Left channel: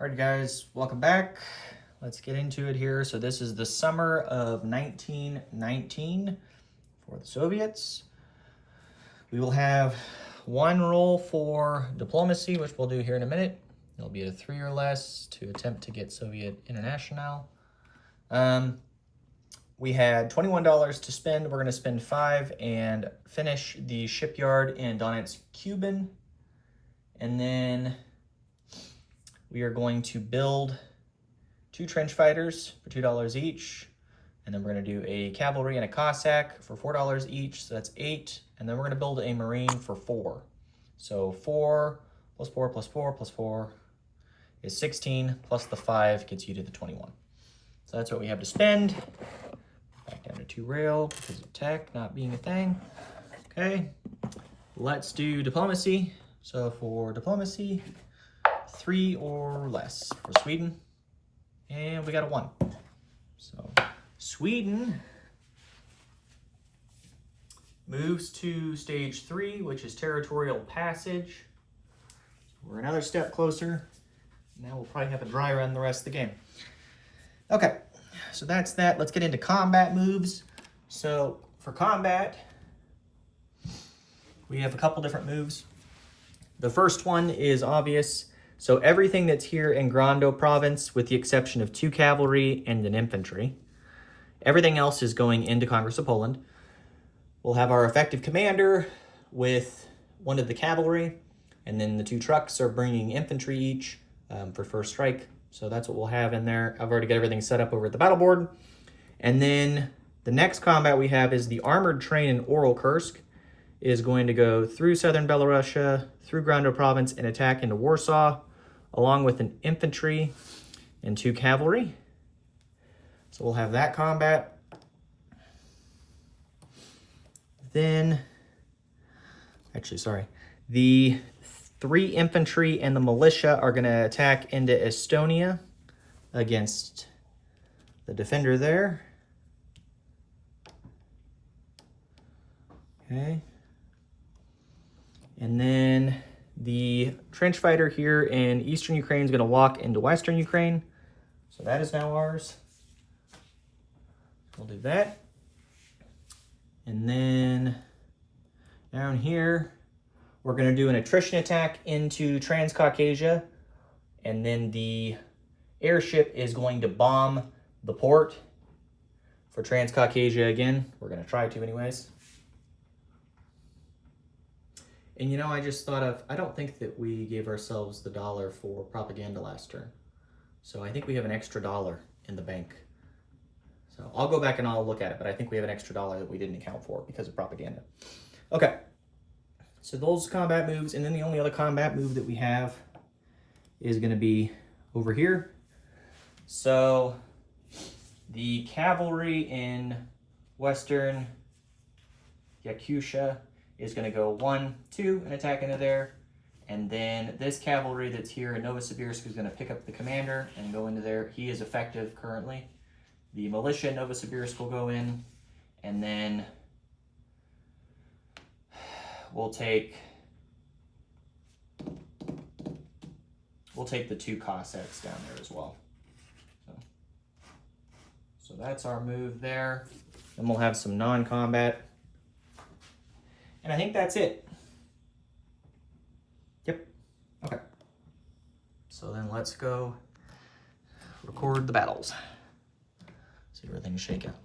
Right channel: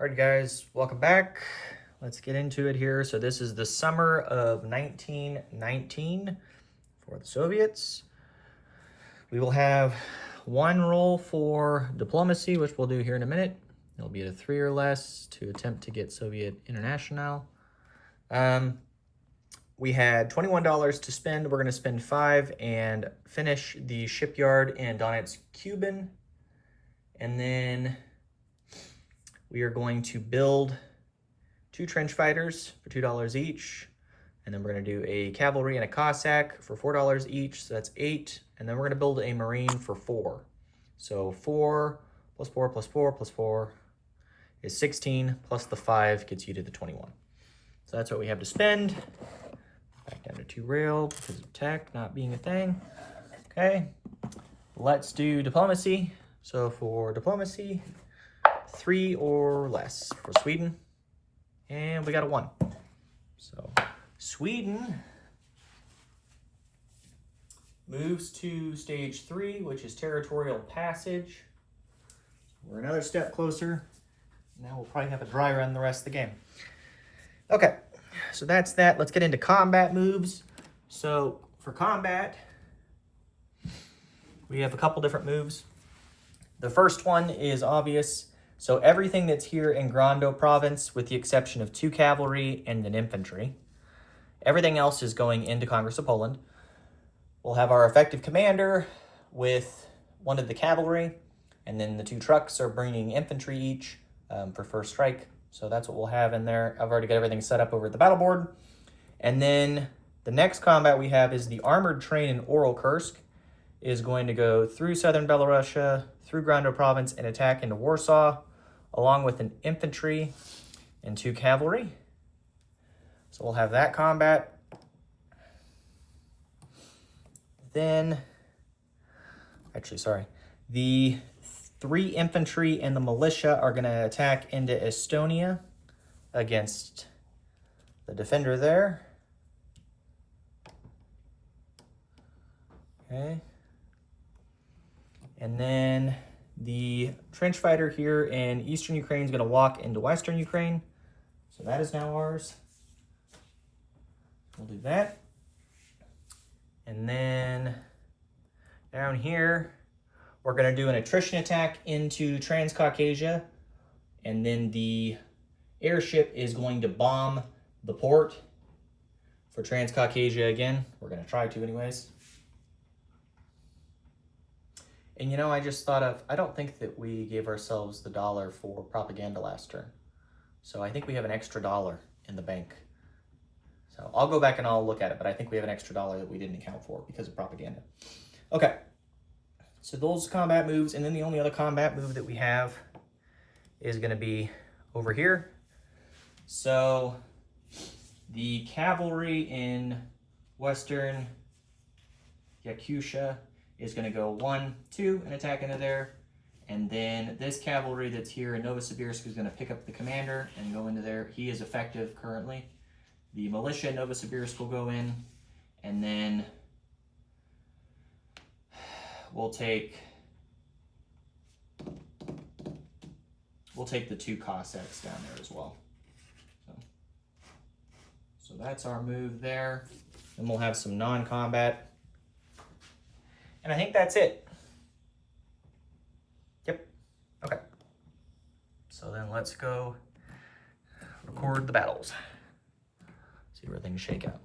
All right, guys, welcome back. Let's get into it here. So this is the summer of 1919 for the Soviets. We will have one roll for diplomacy, which we'll do here in a minute. It'll be a 3 or less to attempt to get Soviet International. We had $21 to spend. We're going to spend 5 and finish the shipyard in Donetsk, Cuban. And then we are going to build 2 trench fighters for $2 each. And then we're going to do a cavalry and a Cossack for $4 each. So that's 8. And then we're going to build a Marine for 4. So 4 plus 4 plus 4 plus 4 is 16, plus the 5 gets you to the 21. So that's what we have to spend. Back down to 2 rail because of tech not being a thing. Okay, let's do diplomacy. So for diplomacy, 3 or less for Sweden. And we got a 1. So Sweden moves to stage 3, which is territorial passage. We're another step closer. Now we'll probably have a dry run the rest of the game. Okay, so that's that. Let's get into combat moves. So for combat, we have a couple different moves. The first one is obvious. So everything that's here in Grando province, with the exception of 2 cavalry and an infantry, everything else is going into Congress of Poland. We'll have our effective commander with 1 of the cavalry, and then the 2 trucks are bringing infantry each for first strike. So that's what we'll have in there. I've already got everything set up over at the battle board. And then the next combat we have is the armored train in Kursk is going to go through southern Belarusia, through Grando province, and attack into Warsaw, along with an infantry and 2 cavalry. So we'll have that combat. Then, the 3 infantry and the militia are going to attack into Estonia against the defender there. Okay. And then the trench fighter here in eastern Ukraine is going to walk into western Ukraine. So that is now ours. We'll do that. And then down here, we're going to do an attrition attack into Transcaucasia. And then the airship is going to bomb the port for Transcaucasia again. We're going to try to anyways. And you know, I just thought of, I don't think that we gave ourselves the $1 for propaganda last turn. So I think we have an extra $1 in the bank. So I'll go back and I'll look at it, but I think we have an extra $1 that we didn't account for because of propaganda. Okay, so those combat moves, and then the only other combat move that we have is going to be over here. So the cavalry in western Yakutia is going to go 1, 2 and attack into there. And then this cavalry that's here in Novosibirsk is going to pick up the commander and go into there. He is effective currently. The militia in Novosibirsk will go in. And then we'll take the 2 Cossacks down there as well. So that's our move there. Then we'll have some non-combat. And I think that's it. Yep. Okay. So then let's go record the battles. See where things shake out.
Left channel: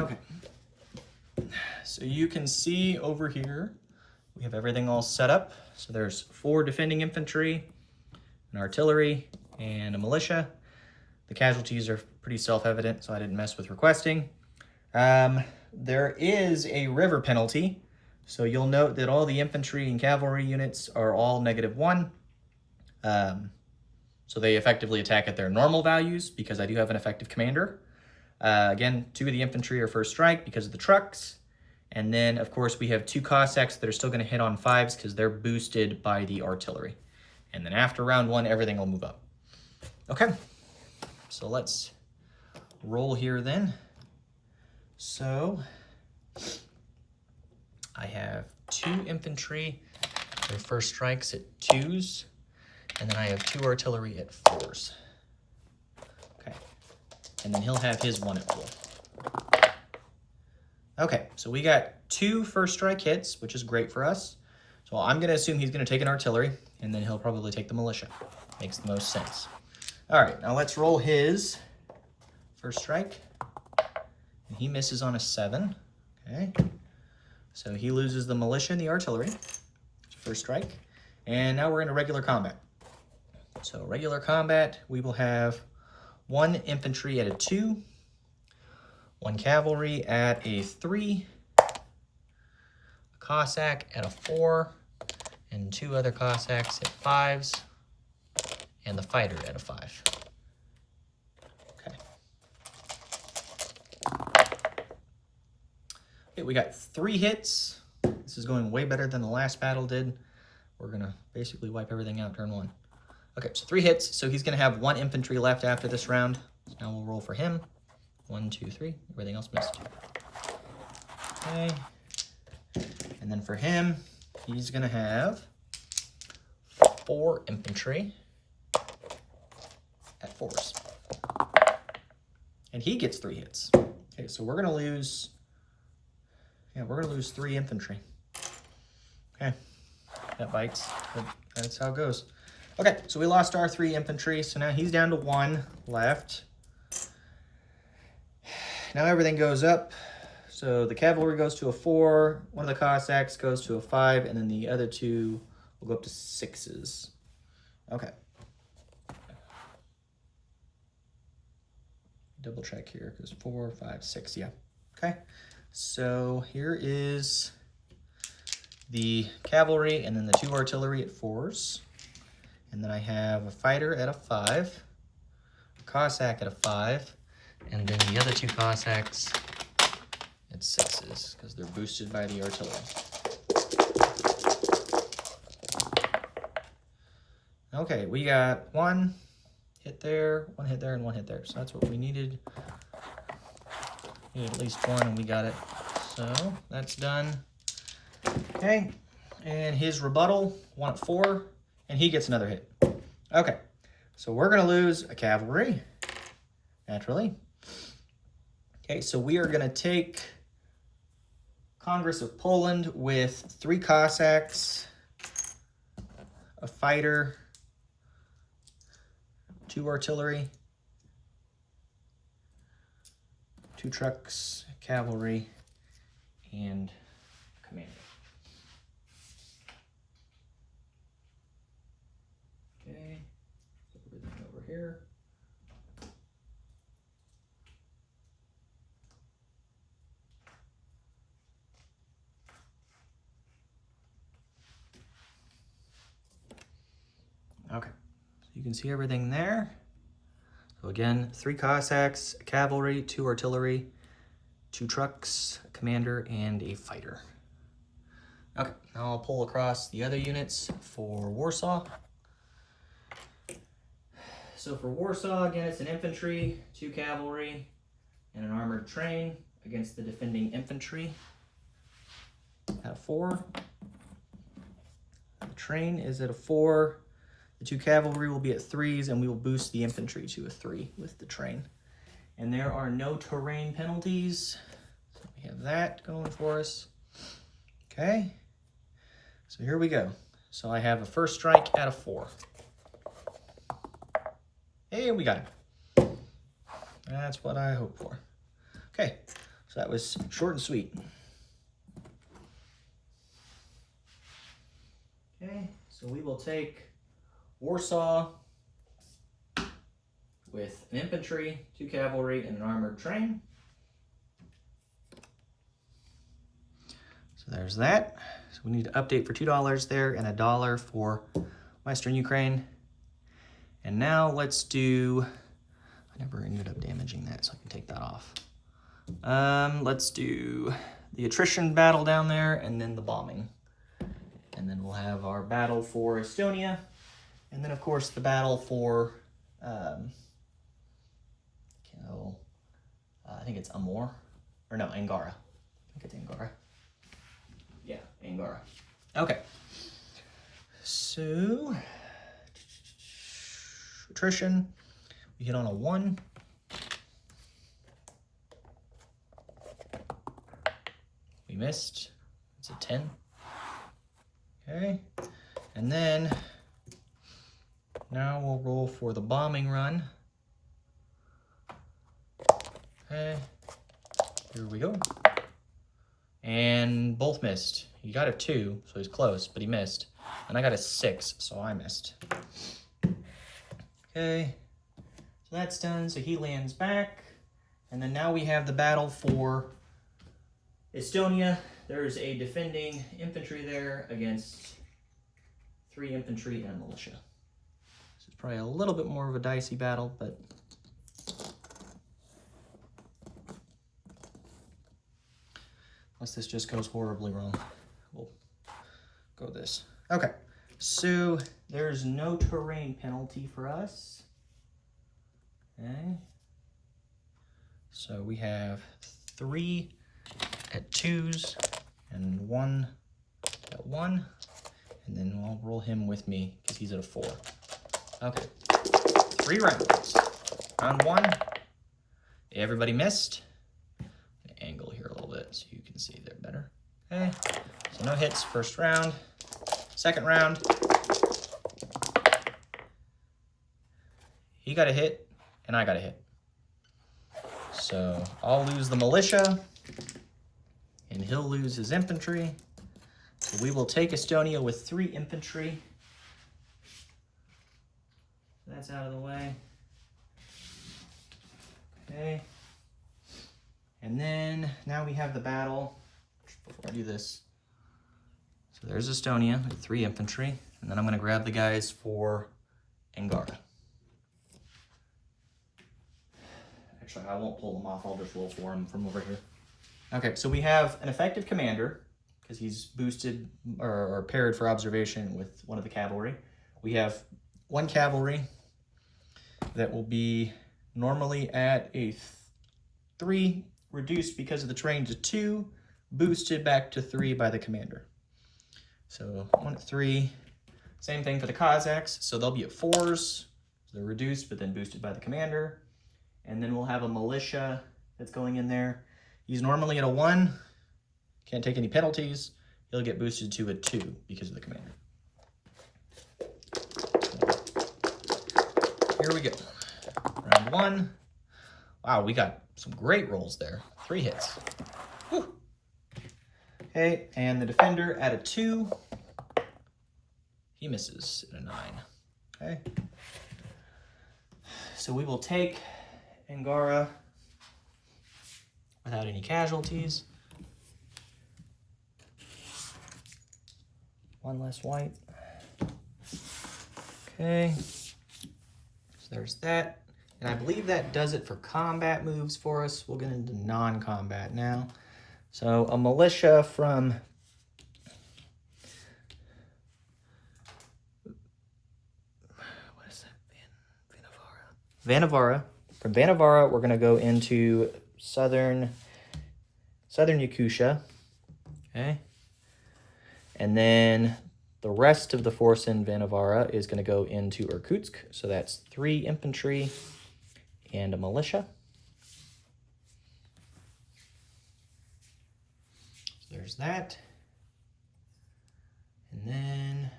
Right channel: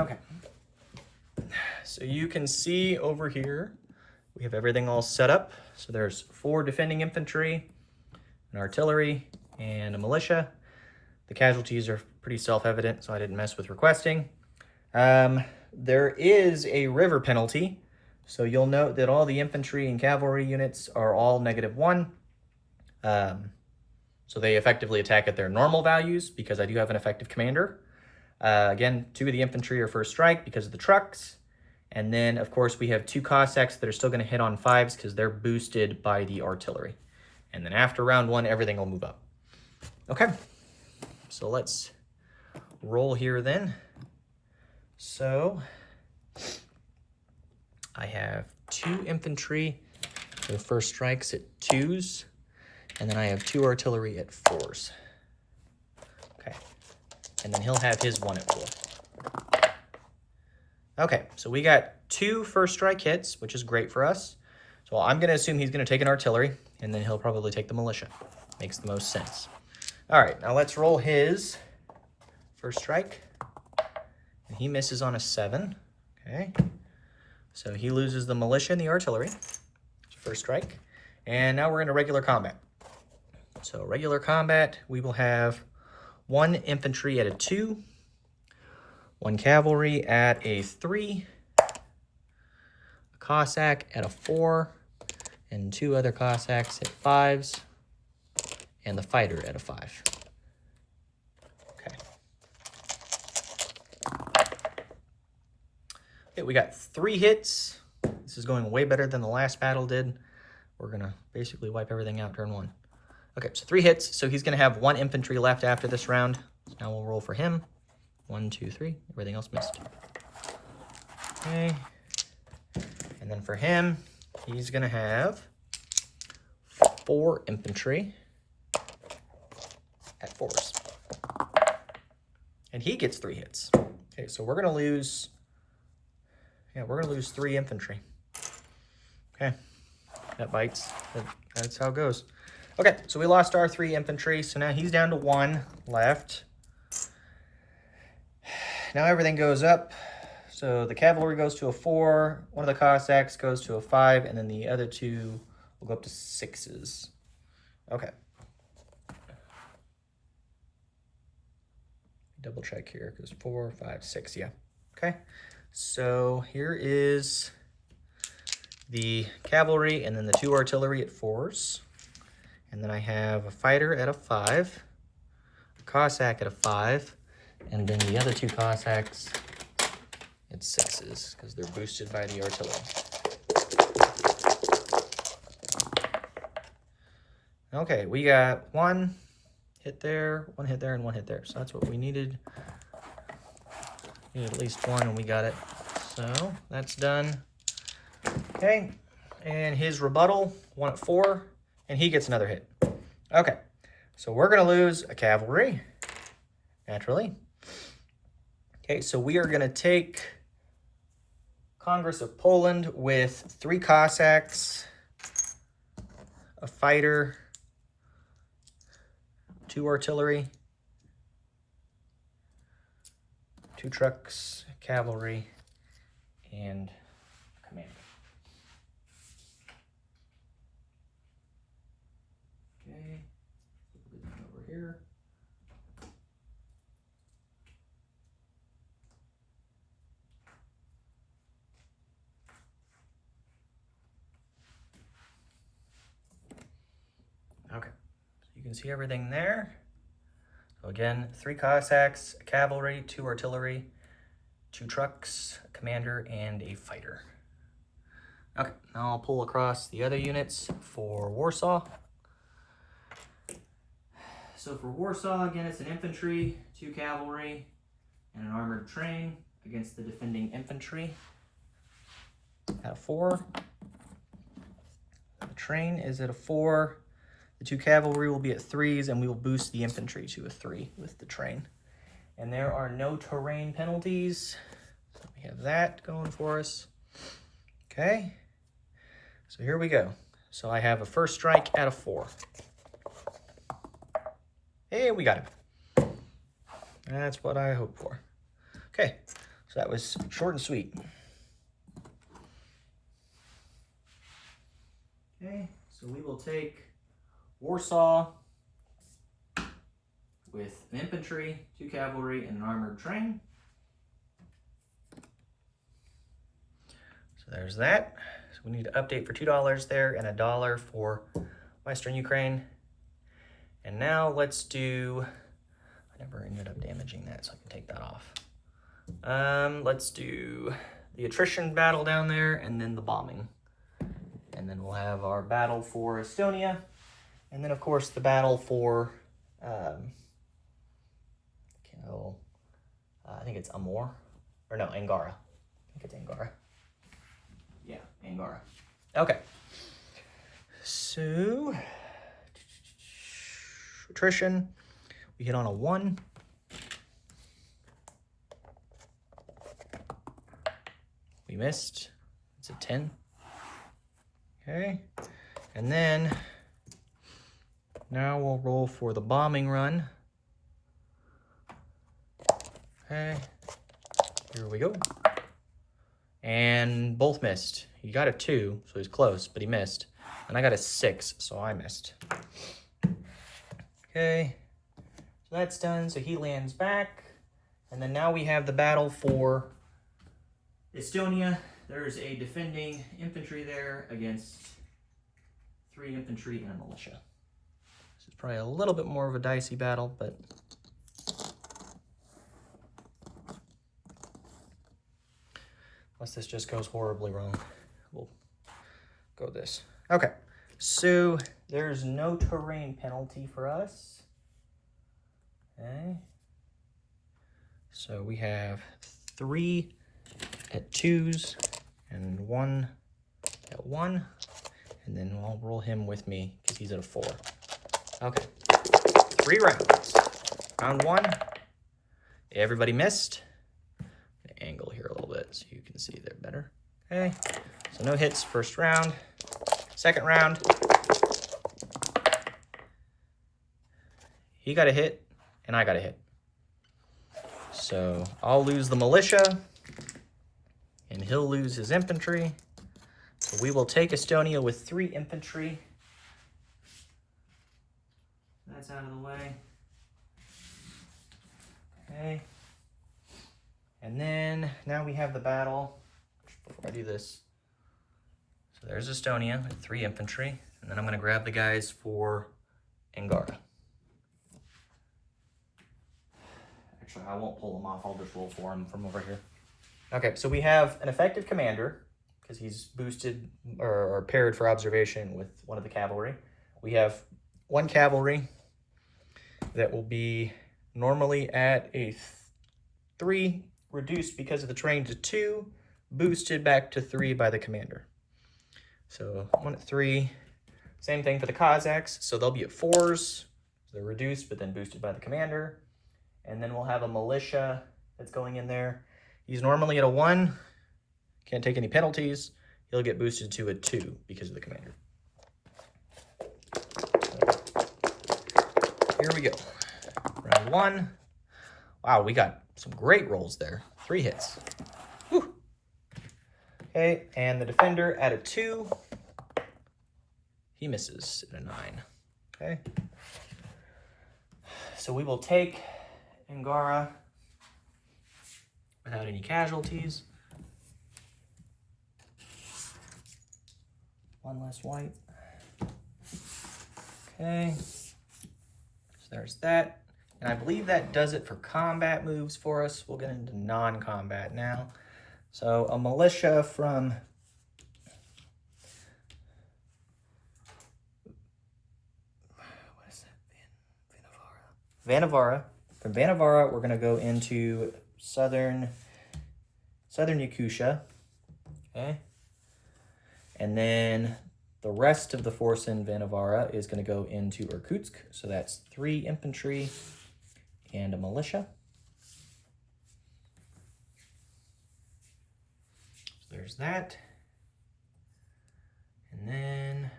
Okay. So you can see over here, we have everything all set up. So there's 4 defending infantry, an artillery, and a militia. The casualties are pretty self-evident, so I didn't mess with requesting. There is a river penalty, so you'll note that all the infantry and cavalry units are all -1. So they effectively attack at their normal values because I do have an effective commander. Again, 2 of the infantry are first strike because of the trucks. And then, of course, we have 2 Cossacks that are still going to hit on 5s because they're boosted by the artillery. And then after round 1, everything will move up. Okay, so let's roll here then. So I have 2 infantry Their first strikes at 2s, and then I have 2 artillery at 4s. Okay, and then he'll have his 1 at 4. Okay, so we got 2 first strike hits, which is great for us. So I'm going to assume he's going to take an artillery, and then he'll probably take the militia. Makes the most sense. All right, now let's roll his first strike. And he misses on a 7. Okay, so he loses the militia and the artillery. First strike. And now we're in a regular combat. So regular combat, we will have 1 infantry at a 2, 1 cavalry at a 3, a Cossack at a 4, and 2 other Cossacks at 5s, and the fighter at a 5. Okay. Okay, we got 3 hits. This is going way better than the last battle did. We're gonna basically wipe everything out turn 1. Okay, so 3 hits, so he's gonna have 1 infantry left after this round. So now we'll roll for him. 1, 2, 3, everything else missed. Okay, and then for him, he's gonna have 4 infantry at 4s. And he gets 3 hits. Okay, so we're gonna lose, we're gonna lose 3 infantry. Okay, that bites, but that's how it goes. Okay, so we lost our 3 infantry, so now he's down to 1 left. Now everything goes up. So the cavalry goes to a 4, 1 of the Cossacks goes to a 5, and then the other 2 will go up to 6s. Okay. Double check here, because 4, 5, 6, yeah. Okay, so here is the cavalry, and then the 2 artillery at 4s. And then I have a fighter at a 5, a Cossack at a 5, and then the other 2 Cossacks at 6s, because they're boosted by the artillery. Okay, we got 1 hit there, 1 hit there, and 1 hit there. So that's what we needed. We need at least 1, and we got it. So that's done. Okay, and his rebuttal, 1 at 4, and he gets another hit. Okay, so we're going to lose a cavalry, naturally. Okay, so we are going to take Congress of Poland with 3 Cossacks, a fighter, 2 artillery, 2 trucks, cavalry, and commander. Okay, put everything over here. Okay, so you can see everything there. So again, 3 Cossacks, a cavalry, 2 artillery, 2 trucks, a commander, and a fighter. Okay, now I'll pull across the other units for Warsaw. So for Warsaw, again, it's an infantry, 2 cavalry, and an armored train against the defending infantry at a 4. The train is at a 4. The 2 cavalry will be at 3s, and we will boost the infantry to a 3 with the train. And there are no terrain penalties. So we have that going for us. Okay, so here we go. So I have a first strike at a 4. Hey, we got it. That's what I hoped for. Okay, so that was short and sweet. Okay, so we will take Warsaw with an infantry, 2 cavalry, and an armored train. So there's that. So we need to update for $2 there and $1 for Western Ukraine. And now let's do, I never ended up damaging that, so I can take that off. Let's do the attrition battle down there and then the bombing. And then we'll have our battle for Estonia. And then, of course, the battle for, I think it's Amur, or no, Angara. I think it's Angara. Yeah, Angara. Okay. So, attrition, we hit on a 1. We missed. It's a 10. Okay. And then now we'll roll for the bombing run. Okay. Here we go. And both missed. He got a 2, so he's close, but he missed. And I got a 6, so I missed. Okay. So that's done. So he lands back. And then now we have the battle for Estonia. There's a defending infantry there against 3 infantry and a militia. So it's probably a little bit more of a dicey battle, but unless this just goes horribly wrong, we'll go this. Okay, so there's no terrain penalty for us. Okay. So we have 3 at 2s and 1 at 1. And then I'll roll him with me because he's at a 4. Okay, 3 rounds. Round 1, everybody missed. Angle here a little bit so you can see there better. Okay, so no hits first round. Second round, he got a hit and I got a hit. So I'll lose the militia and he'll lose his infantry. So we will take Estonia with 3 infantry. That's out of the way. Okay. And then now we have the battle. Before I do this, so there's Estonia, 3 infantry, and then I'm going to grab the guys for Angara. Actually, I won't pull them off. I'll just roll for them from over here. Okay, so we have an effective commander because he's boosted or paired for observation with one of the cavalry. We have 1 cavalry that will be normally at a 3, reduced because of the terrain to 2, boosted back to 3 by the commander. So 1 at 3. Same thing for the Cossacks. So they'll be at 4s. So they're reduced, but then boosted by the commander. And then we'll have a militia that's going in there. He's normally at a 1. Can't take any penalties. He'll get boosted to a 2 because of the commander. So, here we go. Round 1. Wow, we got some great rolls there. 3 hits. Whew. Okay, and the defender at a 2. He misses at a 9. Okay. So we will take Angara without any casualties. 1 less white. Okay. So there's that. And I believe that does it for combat moves for us. We'll get into non-combat now. So a militia from Vanavara. From Vanavara, we're going to go into southern Yakutia. Okay. And then the rest of the force in Vanavara is going to go into Irkutsk. So that's 3 infantry and a militia. So there's that. And then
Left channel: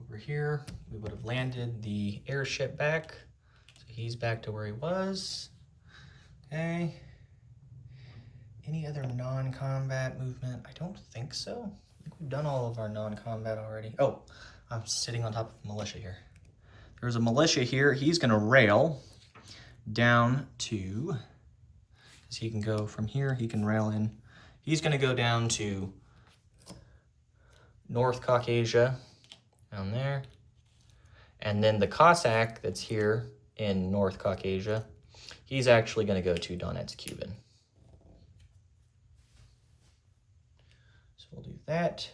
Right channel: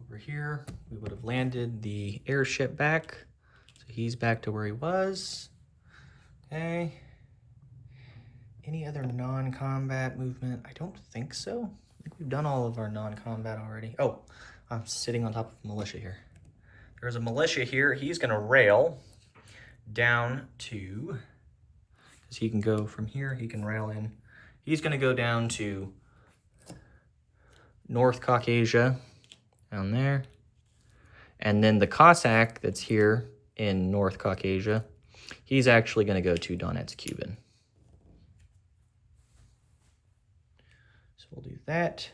over here, we would have landed the airship back. So he's back to where he was. Okay. Any other non-combat movement? I don't think so. I think we've done all of our non-combat already. Oh, I'm sitting on top of militia here. There's a militia here. He's going to rail down to, because he can go from here, he can rail in. He's going to go down to North Caucasia, down there. And then the Cossack that's here in North Caucasia, he's actually going to go to Donetsk, Cuban. So we'll do that.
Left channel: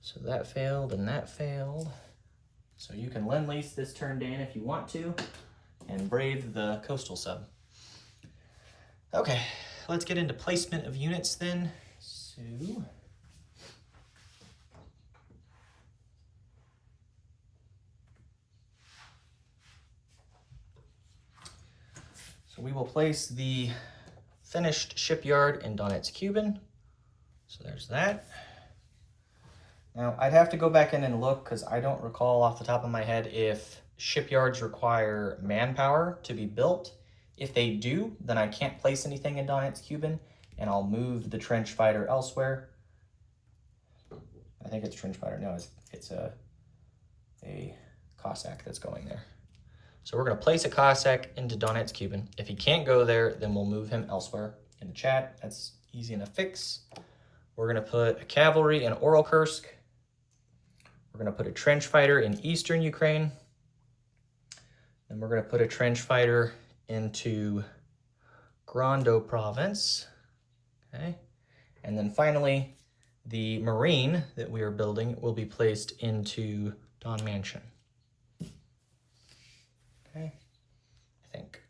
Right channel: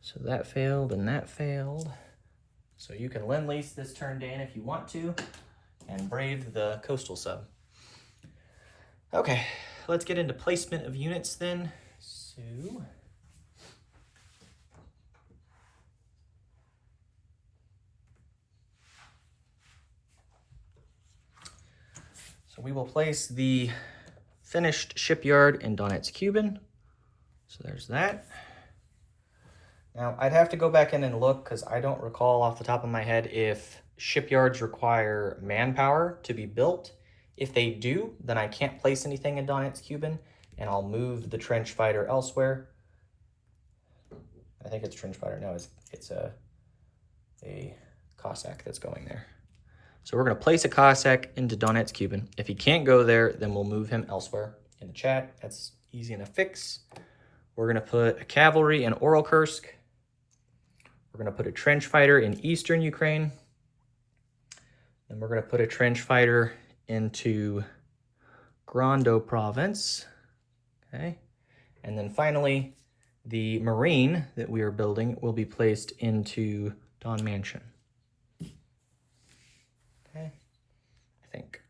So that failed and that failed. So you can lend-lease this turn, Dan, if you want to, and brave the coastal sub. Okay, let's get into placement of units then. So place the finished shipyard in Donetsk-Kuban. So there's that. Now, I'd have to go back in and look because I don't recall off the top of my head if shipyards require manpower to be built. If they do, then I can't place anything in Donetsk-Kuban, and I'll move the trench fighter elsewhere. I think it's trench fighter. No, it's a Cossack that's going there. So we're going to place a Cossack into Donetsk-Kuban. If he can't go there, then we'll move him elsewhere. In the chat, that's easy enough fix. We're going to put a cavalry in Orelkursk. We're going to put a trench fighter in eastern Ukraine. Then we're going to put a trench fighter into Grando province. Okay. And then finally, the marine that we are building will be placed into Don Mansion. Okay. I think.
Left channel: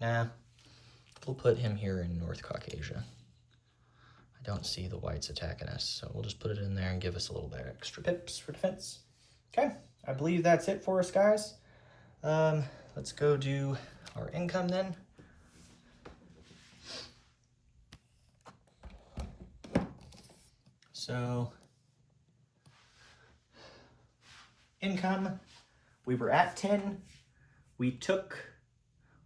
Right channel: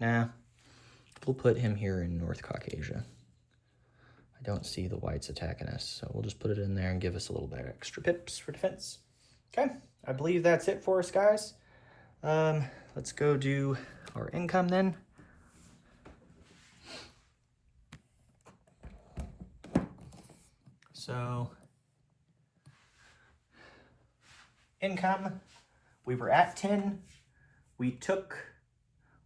Nah. We'll put him here in North Caucasia. I don't see the whites attacking us, so we'll just put it in there and give us a little bit extra pips for defense. Okay, I believe that's it for us, guys. Let's go do our income then. So, income, we were at 10. We took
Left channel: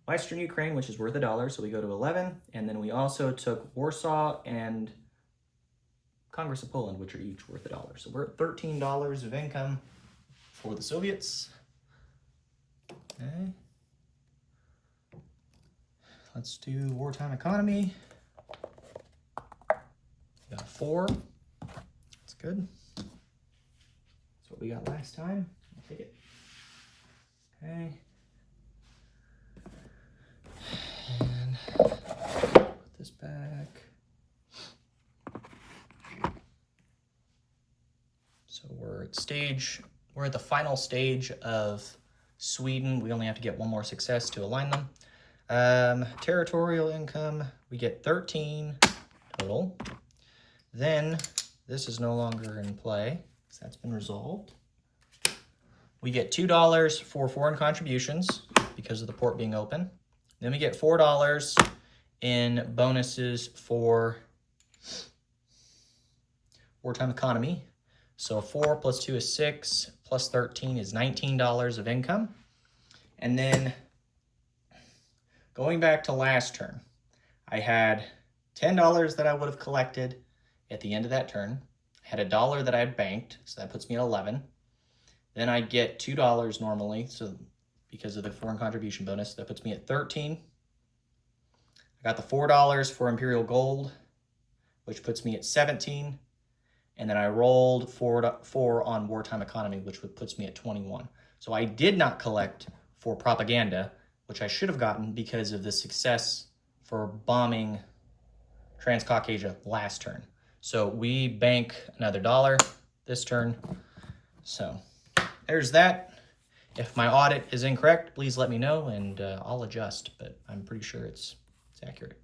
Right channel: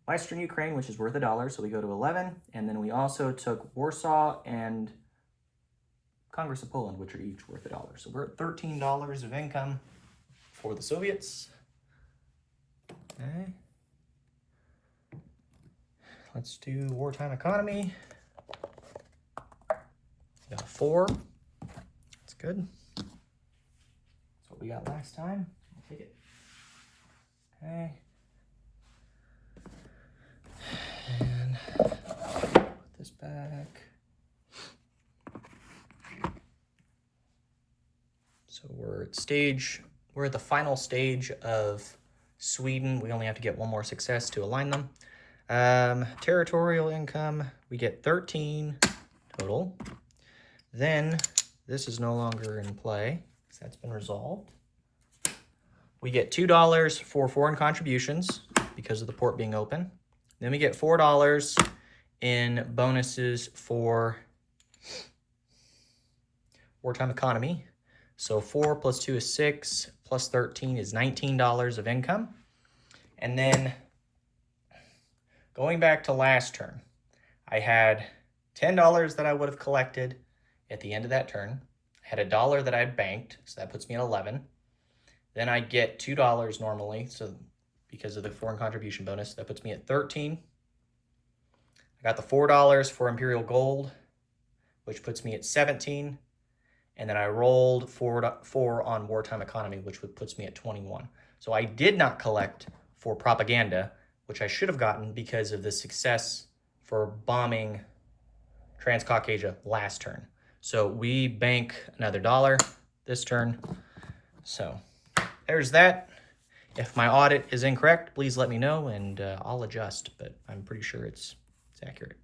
Western Ukraine, which is worth $1, so we go to 11. And then we also took Warsaw and Congress of Poland, which are each worth $1. So we're at $13 of income for the Soviets. Okay. Let's do wartime economy. We got a 4. That's good. That's what we got last time. I'll take it. Okay. And put this back. So we're at the final stage of Sweden. We only have to get one more success to align them. Territorial income, we get 13 total. Then this is no longer in play, because that's been resolved. We get $2 for foreign contributions because of the port being open. Then we get $4 in bonuses for wartime economy. So 4 plus 2 is 6, plus 13 is $19 of income. And then going back to last turn, I had $10 that I would have collected at the end of that turn. I had $1 that I banked, so that puts me at 11. Then I get $2 normally, so because of the foreign contribution bonus, that puts me at 13. I got the $4 for Imperial Gold, which puts me at 17. And then I rolled 4 on wartime economy, which puts me at 21. So I did not collect for propaganda, which I should have gotten because of the success for bombing Transcaucasia last turn. So we bank another $1 this turn. So there's that. If my audit is incorrect, please let me know and I'll adjust, but I'm pretty sure it's accurate.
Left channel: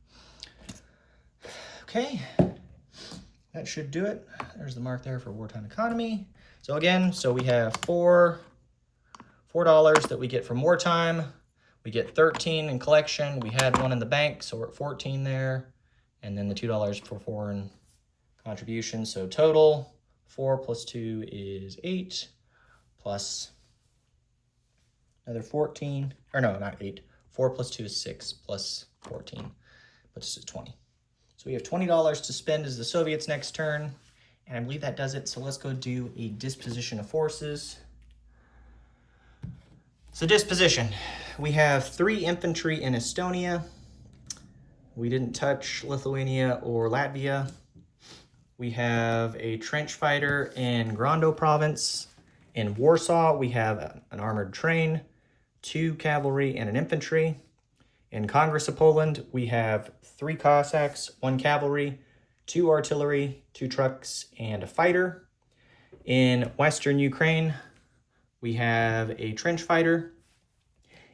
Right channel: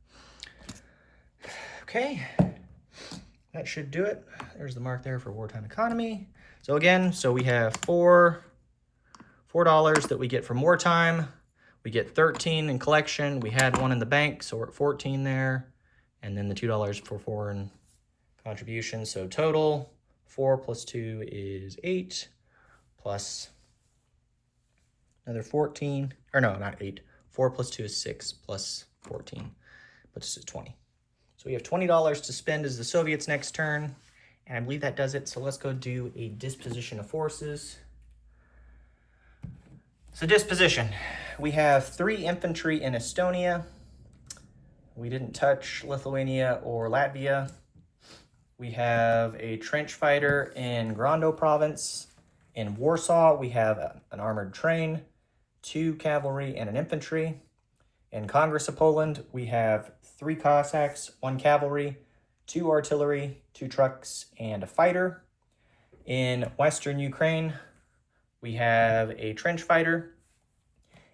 Okay, that should do it. There's the mark there for wartime economy. So again, we have $4 that we get from wartime. We get 13 in collection. We had 1 in the bank, so we're at 14 there. And then the $2 for foreign contribution. So total, 4 plus 2 is 8, plus another 14, or no, not 8. 4 plus 2 is 6, plus 14, puts us at 20. So we have $20 to spend as the Soviets next turn, and I believe that does it. So let's go do a disposition of forces. So disposition, we have 3 infantry in Estonia. We didn't touch Lithuania or Latvia. We have a trench fighter in Grando province. In Warsaw, we have an armored train, 2 cavalry, and an infantry. In Congress of Poland, we have 3 Cossacks, 1 cavalry, 2 artillery, 2 trucks, and a fighter. In Western Ukraine, we have a trench fighter.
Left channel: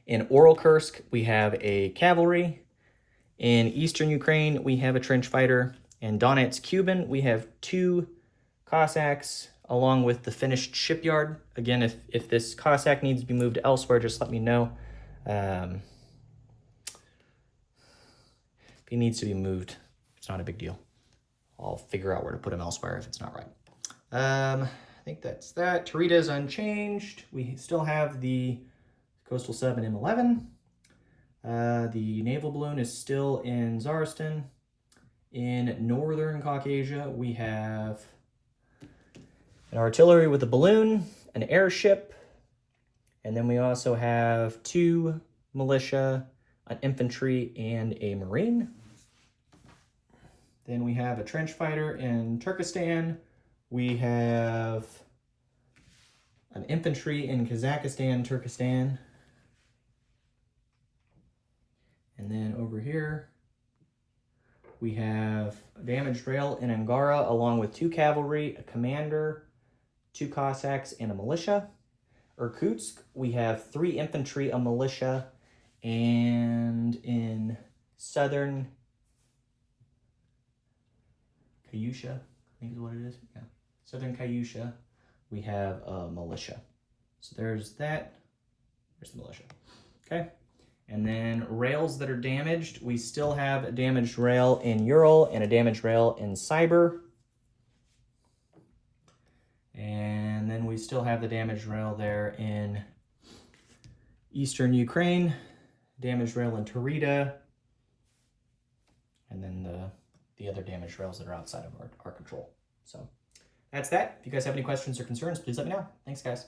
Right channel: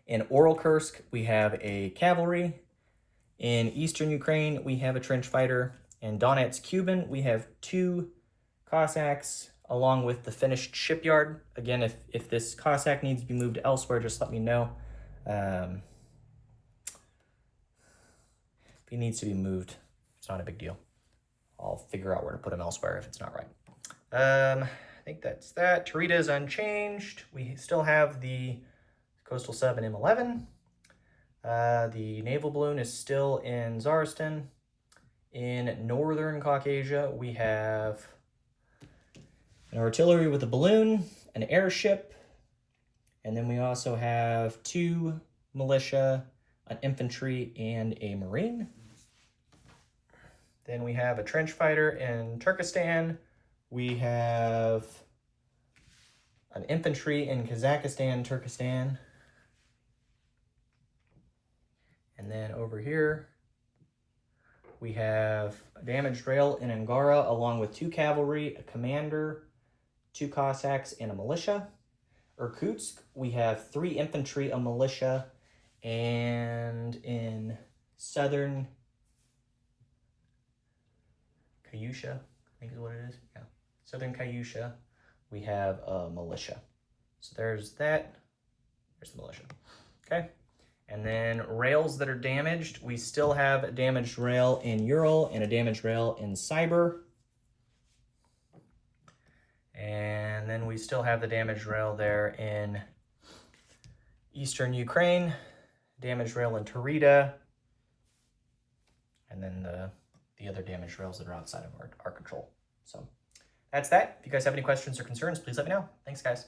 In Orelkursk, we have a cavalry. In Eastern Ukraine, we have a trench fighter. In Donetsk-Kuban, we have 2 Cossacks, along with the finished shipyard. Again, if this Cossack needs to be moved elsewhere, just let me know. If he needs to be moved, it's not a big deal. I'll figure out where to put him elsewhere if it's not right. I think that's that. Tarita is unchanged. We still have the Coastal Sub in M11. The naval balloon is still in Zarstan. In Northern Caucasia, we have an artillery with a balloon, an airship, and then we also have 2 militia, an infantry, and a marine. Then we have a trench fighter in Turkestan. We have an infantry in Kazakhstan, Turkestan. And then over here, we have a damaged rail in Angara, along with 2 cavalry, a commander, 2 Cossacks, and a militia. Irkutsk, we have 3 infantry, a militia, and in southern Kayusha, I think is what it is. Yeah, southern Kayusha, we have a militia. So there's that. There's the militia. Okay. And then rails that are damaged, we still have a damaged rail in Ural and a damaged rail in Siber. And then we still have the damaged rail there in eastern Ukraine, damaged rail in Tarita, and then the other damaged rails that are outside of our control. So that's that. If you guys have any questions or concerns, please let me know. Thanks, guys.